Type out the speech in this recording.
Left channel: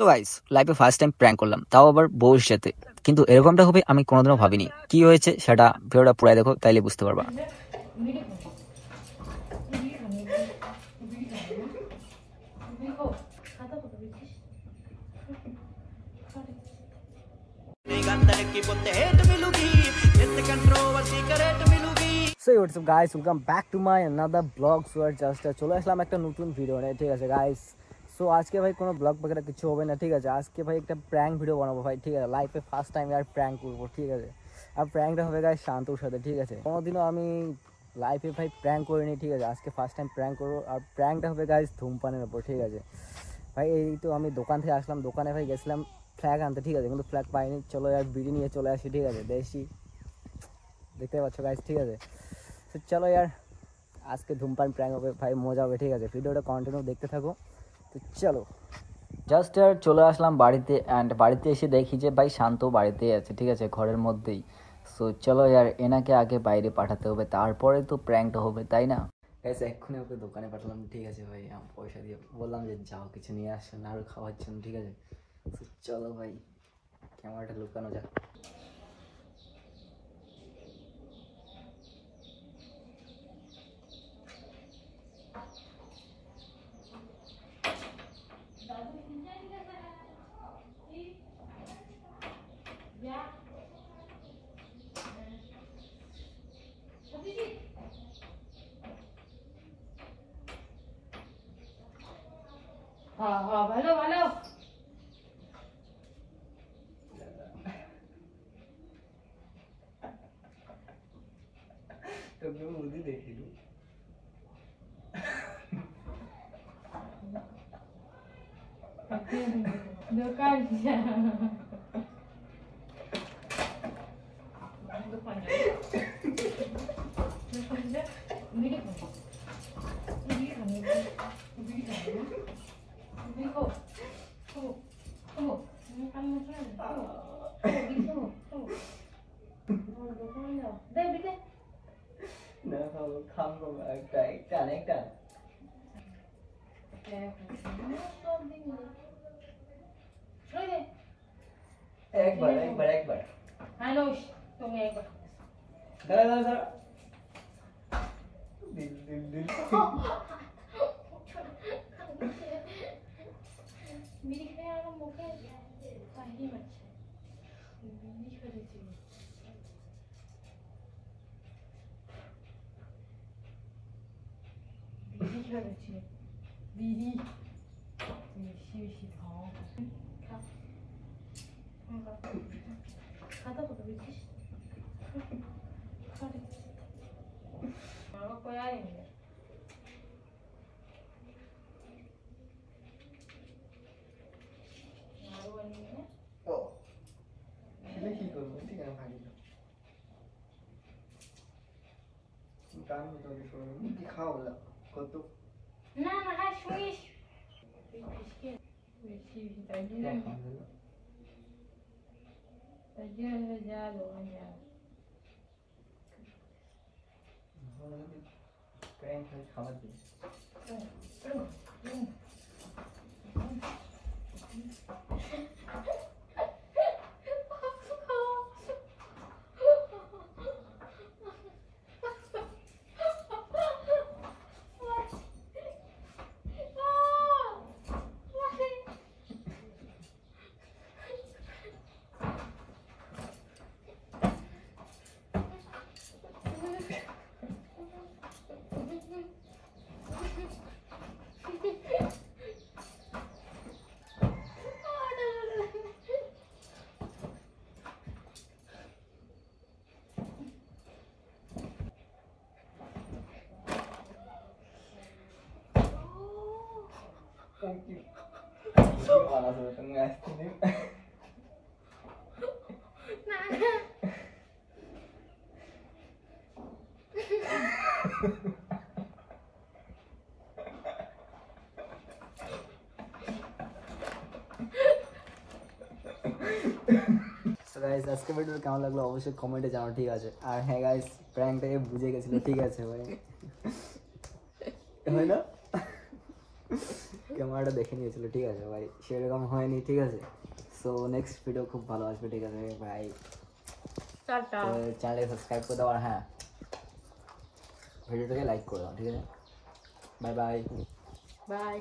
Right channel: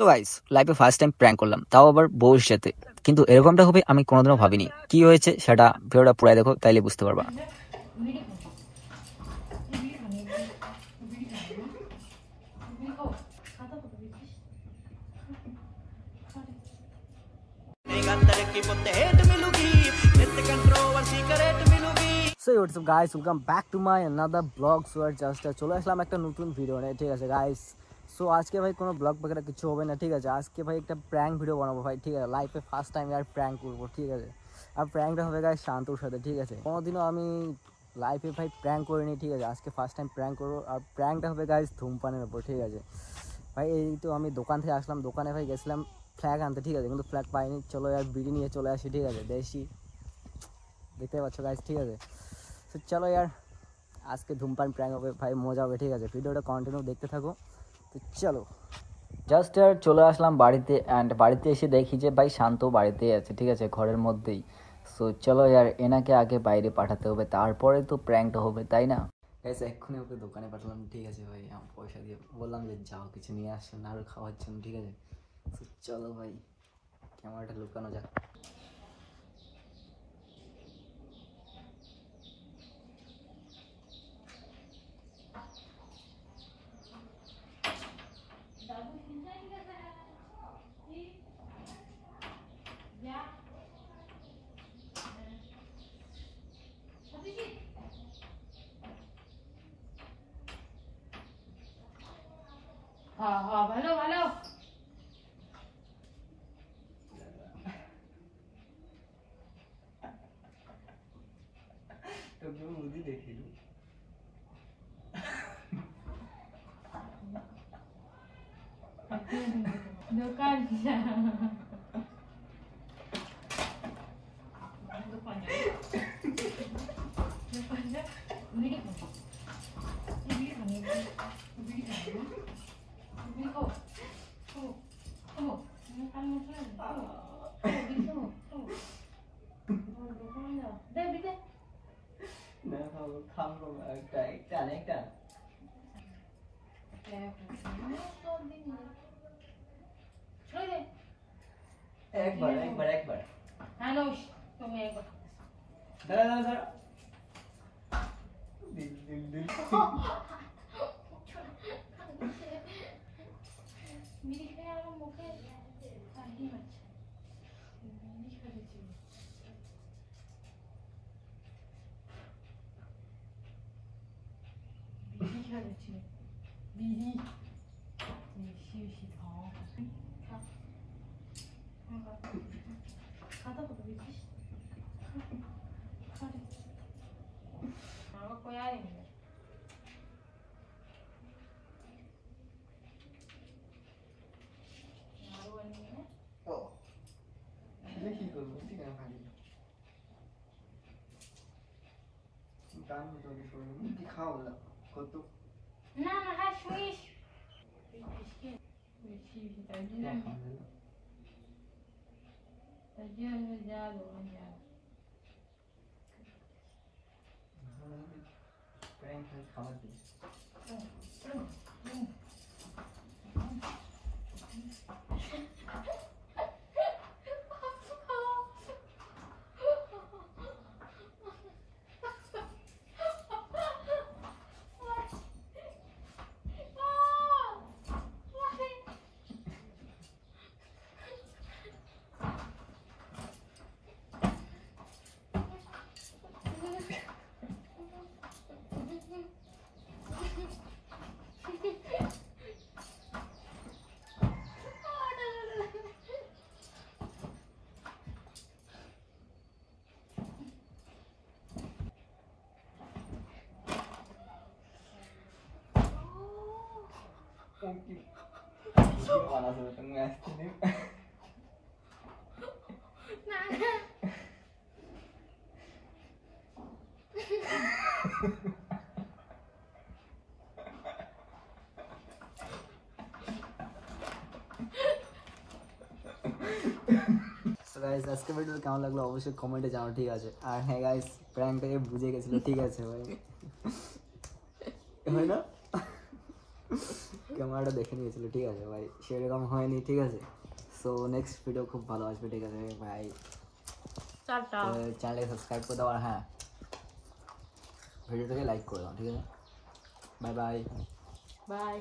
So guys লাইফে first time prank করলাম, তাও আবার বউর সাথে। কিন্তু এরকমটা হবে আমি কোনোদিনও ভাবিনি। কি হয়েছে সেটা ভিডিওটা পুরাই দেখো, তাইলে বুঝতে পারবা। So what's up guys, welcome back to my another vlog. So just চলে আসলাম একটা নতুন ভিডিও নিয়ে, ঠিক আছে গাইস। সো আজকে ভাই কোনো ব্লগ বগেরা কিছু হবে না, ঠিক আছে। আজকে ভাই একটা প্র্যাঙ্ক ভিডিও বানাবো ভাই, ঠিক আছে। লাইফে ফার্স্ট টাইম আর প্র্যাঙ্ক করবো, ঠিক আছে। আর প্র্যাঙ্কটা হবে গাইস শান্তর সাথে, ঠিক আছে। কোনোদিনও আমি লাইফে ভাই প্র্যাঙ্ক করিনি, ঠিক আছে। আজকে ফার্স্ট টাইম প্র্যাঙ্ক করবো। আর প্র্যাঙ্কটা হবে গাইস ধূমপানের উপর, ঠিক আছে ভাই। এই তো আমি দোকান থেকে আসলাম, দোকানে ভাই গেছিলাম ফ্ল্যাগ আনতে, ঠিক আছে। কিন্তু ফ্ল্যাগ পাইনি, চলো আর বিড়ি নিয়ে চলে আসি, ঠিক আছে। দেশি দেখতে পাচ্ছ গাইস, ঠিক আছে। তো চলো यार আজকে ধূমপান প্র্যাঙ্ক হবে ভাই, মজা হবে, ঠিক আছে। ভিডিওটা কন্টিনিউ দেখতে থাকো। তো চলো জাস্ট यार চলে আসলাম বাড়িতে, অ্যান্ড বাড়িতে এসে দেখি যে ভাই শান্ত বাড়িতেই আছে, ঠিক আছে, ঘরের মধ্যেই। সো চলো यार এনাকে আগে বাইরে পাঠাতে হবে, তারপরে তো প্র্যাঙ্কটা হবে, তাই না গাইস। এক্ষুনি ওকে দোকানে পাঠালাম, ঠিক আছে ভাই। পয়সা দিয়ে বললাম যে যাও কিছু নিয়ে আসছেন আর খাওয়ার জন্য, ঠিক আছে। তো চলো ভাই ক্যামেরাটা লুকানো যাক। ভালো ভালো তোকে মুদি দেখিলু দোকান না খাবো একটা একটা একটা একবার একবার একবার মানুষ তুমি একবার দাঁড়া দাঁড়া দাঁড়া দিল দিল দিল বিড়ি খেয়ে আমার মুখে কাহিনী হচ্ছে বিড়ি খেয়েছি বিড়ি খেয়েছি বিড়ি বেশি বেশি খাও খাতা কত বেশি আমার কোয়াই নেই ও খেলে কি করবো, ঠিক আছে ভাই কাম তোকে করবো কি খাও না কত না না হ্যাঁ শুনিস বেশি বেশি তাই জন্য যা দোকান যা প্র্যাঙ্ক খাবার দিই Thank you. Para sa itong estimate. Guys আজকে ভিডিও কেমন লাগলো অবশ্যই কমেন্টে জানাও, ঠিক আছে। আর হ্যাঁ গাইস প্র্যাঙ্কটাকে বুঝে গেছিল, ঠিক আছে ভাই। হয় না ক্যামেরাটা দেখে নিয়েছিল, ঠিক আছে ভাই, সেরকম হয়নি, ঠিক আছে। সো নেক্সট ভিডিও খুব ভালো আসবে, ঠিক আছে ভাই। টাটা চ্যানেলে সাবস্ক্রাইব করে দাও, আর হ্যাঁ ভিডিওটাকে লাইক করে দাও, ঠিক আছে। Bye bye. বাই।